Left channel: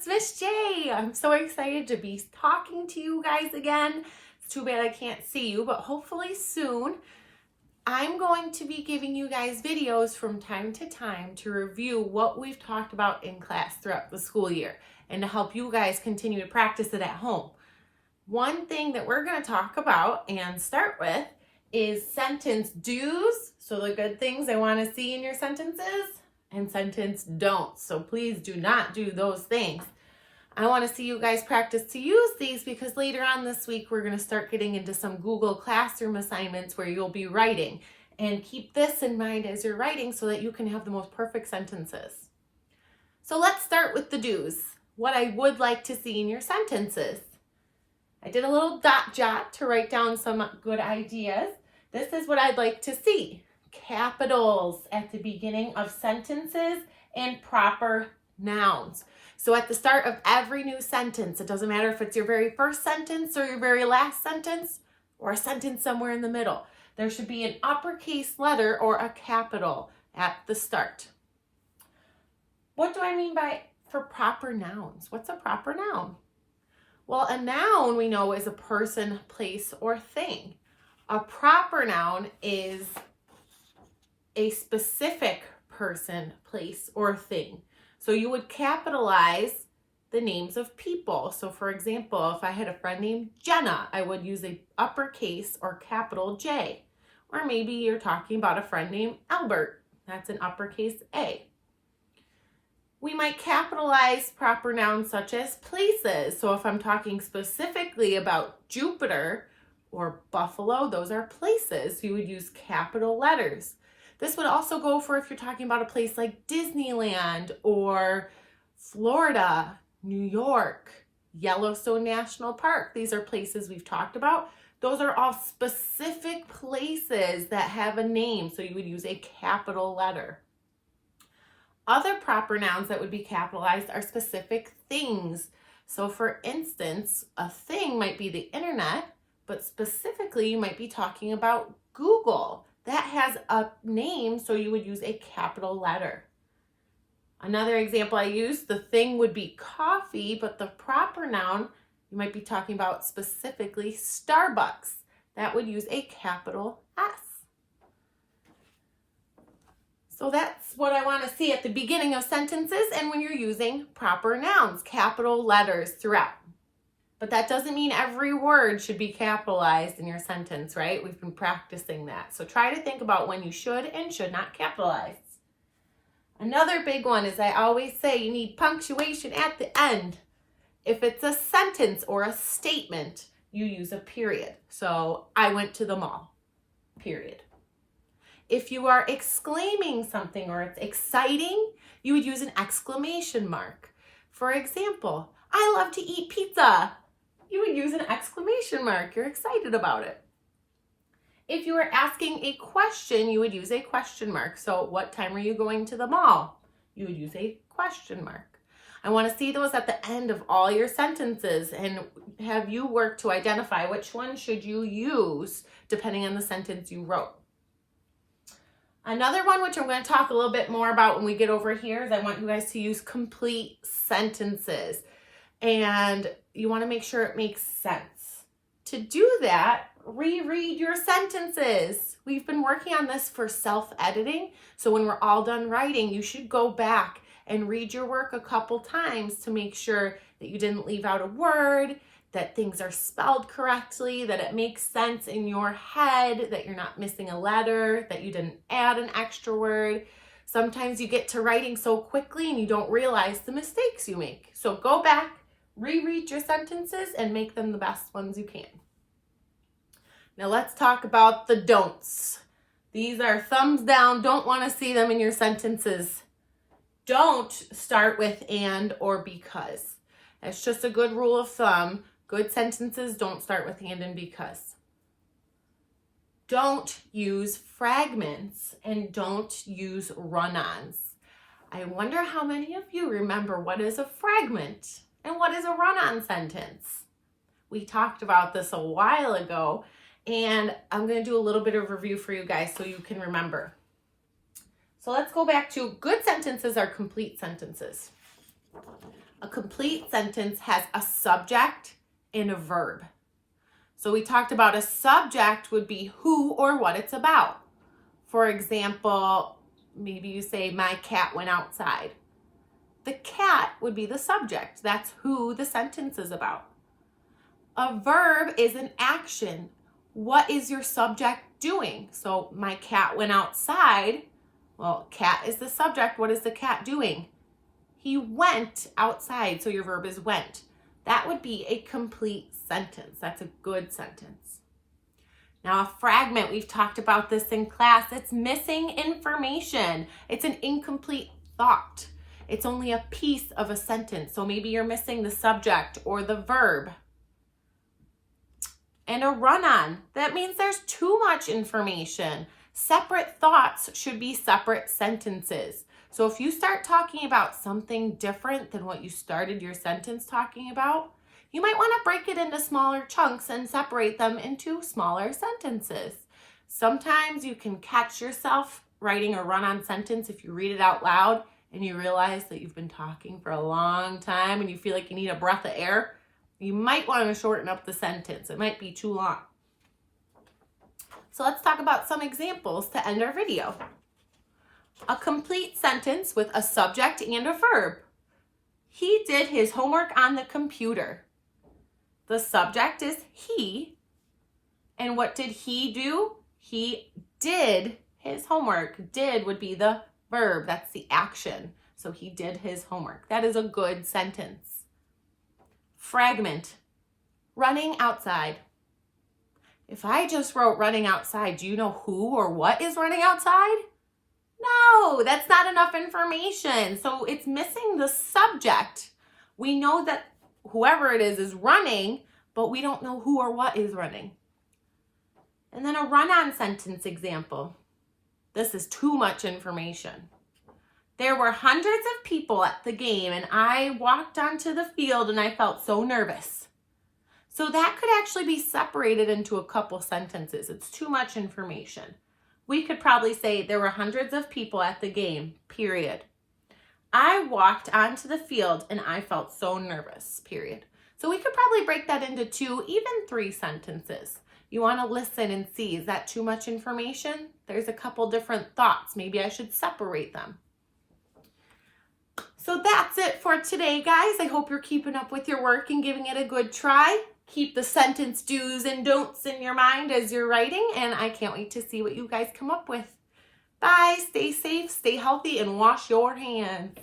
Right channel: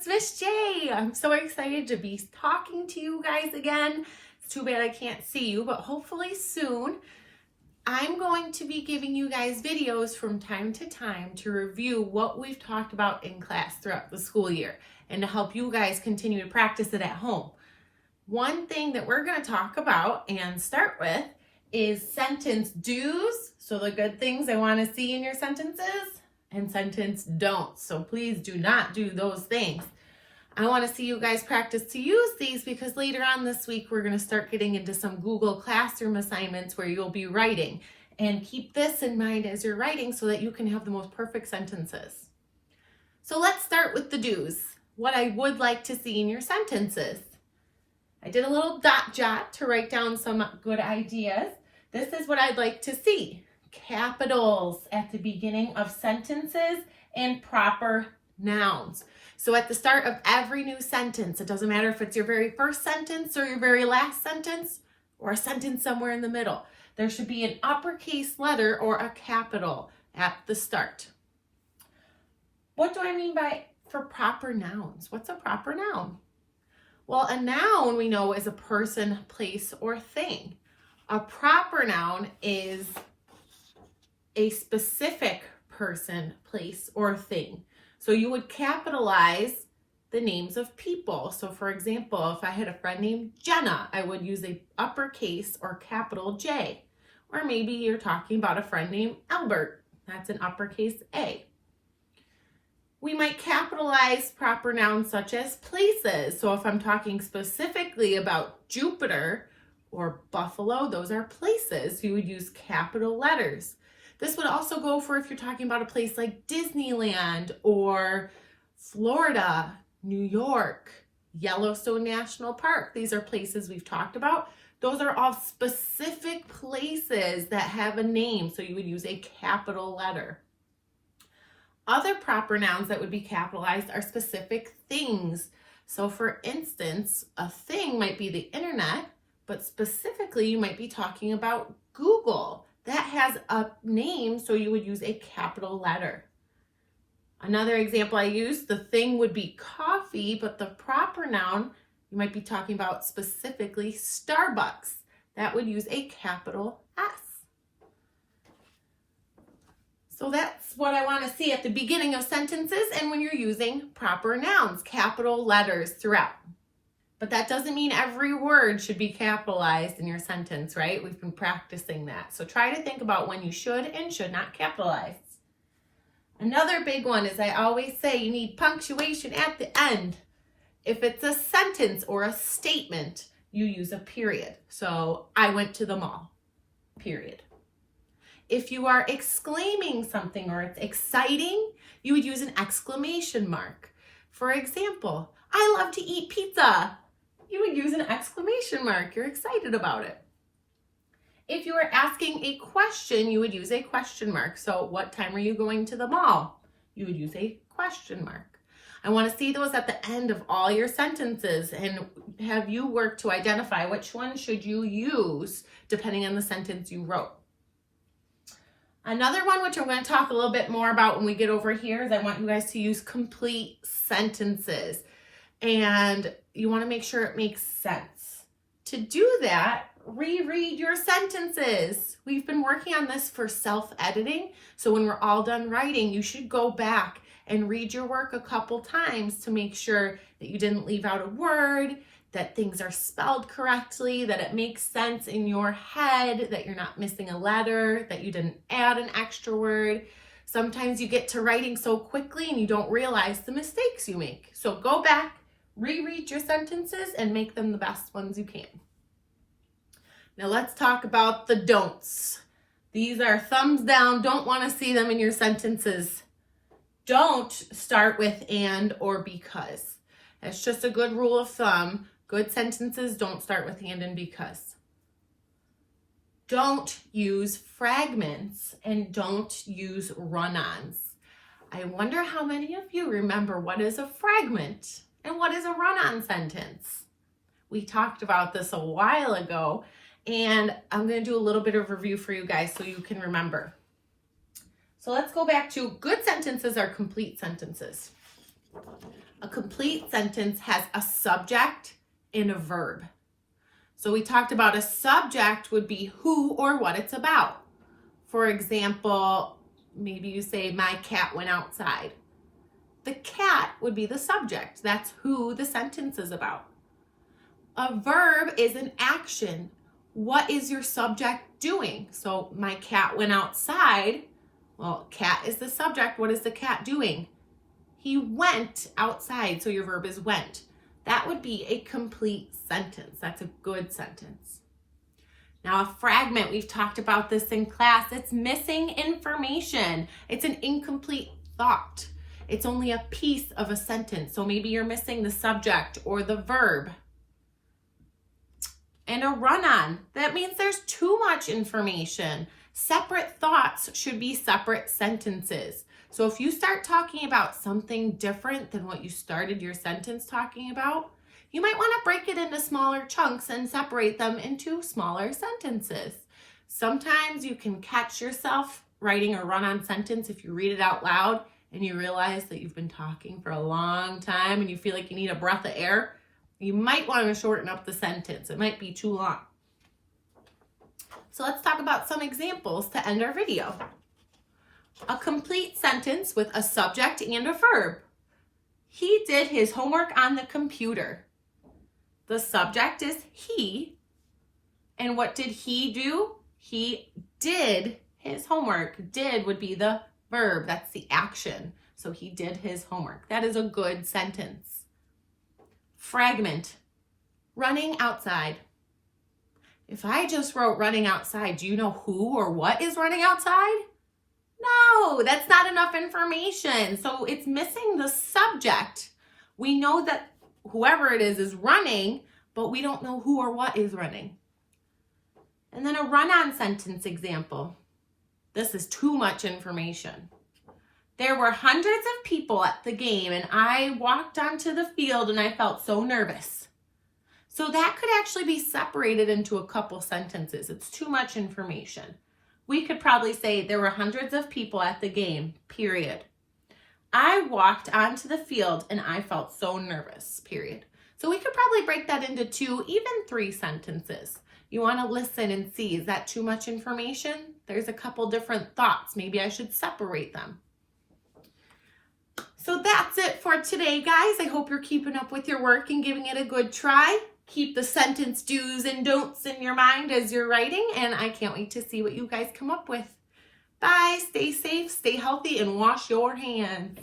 it's Miss J. I'm so excited to be talking to you guys again. It's too bad I can't see you, but hopefully soon. I'm going to be giving you guys videos from time to time to review what we've talked about in class throughout the school year and to help you guys continue to practice it at home. One thing that we're going to talk about and start with is sentence do's, so the good things I want to see in your sentences, and sentence don'ts, so please do not do those things. I want to see you guys practice to use these because later on this week we're going to start getting into some Google Classroom assignments where you'll be writing, and keep this in mind as you're writing so that you can have the most perfect sentences. So let's start with the do's, what I would like to see in your sentences. I did a little dot jot to write down some good ideas. This is what I'd like to see. Capitals at the beginning of sentences and proper nouns. So at the start of every new sentence, it doesn't matter if it's your very first sentence or your very last sentence or a sentence somewhere in the middle, there should be an uppercase letter or a capital at the start. What do I mean by for proper nouns? What's a proper noun? Well, a noun we know is a person, place, or thing. A proper noun is a specific person, place, or thing. So you would capitalize the names of people. So for example, if I had a friend named Jenna, I would use a uppercase or capital J. Or maybe you're talking about a friend named Albert. That's an uppercase A. We might capitalize proper nouns such as places. So if I'm talking specifically about Jupiter or Buffalo, those are places. You would use capital letters. This would also go for if you're talking about a place like Disneyland or Florida, New York, Yellowstone National Park. These are places we've talked about. Those are all specific places that have a name, so you would use a capital letter. Other proper nouns that would be capitalized are specific things. So for instance, a thing might be the internet, but specifically you might be talking about Google. That has a name, so you would use a capital letter. Another example I use, the thing would be coffee, but the proper noun, you might be talking about specifically Starbucks. That would use a capital S. So that's what I want to see at the beginning of sentences and when you're using proper nouns, capital letters throughout. But that doesn't mean every word should be capitalized in your sentence, right? We've been practicing that. So try to think about when you should and should not capitalize. Another big one is I always say you need punctuation at the end. If it's a sentence or a statement, you use a period. So I went to the mall, period. If you are exclaiming something or it's exciting, you would use an exclamation mark. For example, I love to eat pizza. You would use an exclamation mark. You're excited about it. If you were asking a question, you would use a question mark. So what time are you going to the mall? You would use a question mark. I want to see those at the end of all your sentences and have you work to identify which one should you use depending on the sentence you wrote. Another one, which I'm going to talk a little bit more about when we get over here, is I want you guys to use complete sentences. And you want to make sure it makes sense. To do that, reread your sentences. We've been working on this for self-editing. So when we're all done writing, you should go back and read your work a couple times to make sure that you didn't leave out a word, that things are spelled correctly, that it makes sense in your head, that you're not missing a letter, that you didn't add an extra word. Sometimes you get to writing so quickly and you don't realize the mistakes you make. So go back, reread your sentences and make them the best ones you can. Now let's talk about the don'ts. These are thumbs down, don't want to see them in your sentences. Don't start with and or because. That's just a good rule of thumb. Good sentences don't start with and because. Don't use fragments and don't use run-ons. I wonder how many of you remember what is a fragment and what is a run-on sentence. We talked about this a while ago, and I'm going to do a little bit of review for you guys so you can remember. So let's go back to good sentences are complete sentences. A complete sentence has a subject and a verb. So we talked about a subject would be who or what it's about. For example, maybe you say, my cat went outside. The cat would be the subject. That's who the sentence is about. A verb is an action. What is your subject doing? So my cat went outside. Well, cat is the subject. What is the cat doing? He went outside. So your verb is went. That would be a complete sentence. That's a good sentence. Now, a fragment, we've talked about this in class. It's missing information. It's an incomplete thought. It's only a piece of a sentence. So maybe you're missing the subject or the verb. And a run-on, that means there's too much information. Separate thoughts should be separate sentences. So if you start talking about something different than what you started your sentence talking about, you might want to break it into smaller chunks and separate them into smaller sentences. Sometimes you can catch yourself writing a run-on sentence if you read it out loud and you realize that you've been talking for a long time and you feel like you need a breath of air. You might want to shorten up the sentence. It might be too long. So let's talk about some examples to end our video. A complete sentence with a subject and a verb. He did his homework on the computer. The subject is he. And what did he do? He did his homework. Did would be the verb. That's the action. So he did his homework. That is a good sentence. Fragment. Running outside. If I just wrote running outside, do you know who or what is running outside? No, that's not enough information. So it's missing the subject. We know that whoever it is running, but we don't know who or what is running. And then a run-on sentence example. This is too much information. There were hundreds of people at the game and I walked onto the field and I felt so nervous. So that could actually be separated into a couple sentences. It's too much information. We could probably say there were hundreds of people at the game, period. I walked onto the field and I felt so nervous, period. So we could probably break that into 2, even 3 sentences. You want to listen and see, is that too much information? There's a couple different thoughts. Maybe I should separate them. So that's it for today, guys. I hope you're keeping up with your work and giving it a good try. Keep the sentence do's and don'ts in your mind as you're writing, and I can't wait to see what you guys come up with. Bye, stay safe, stay healthy, and wash your hands.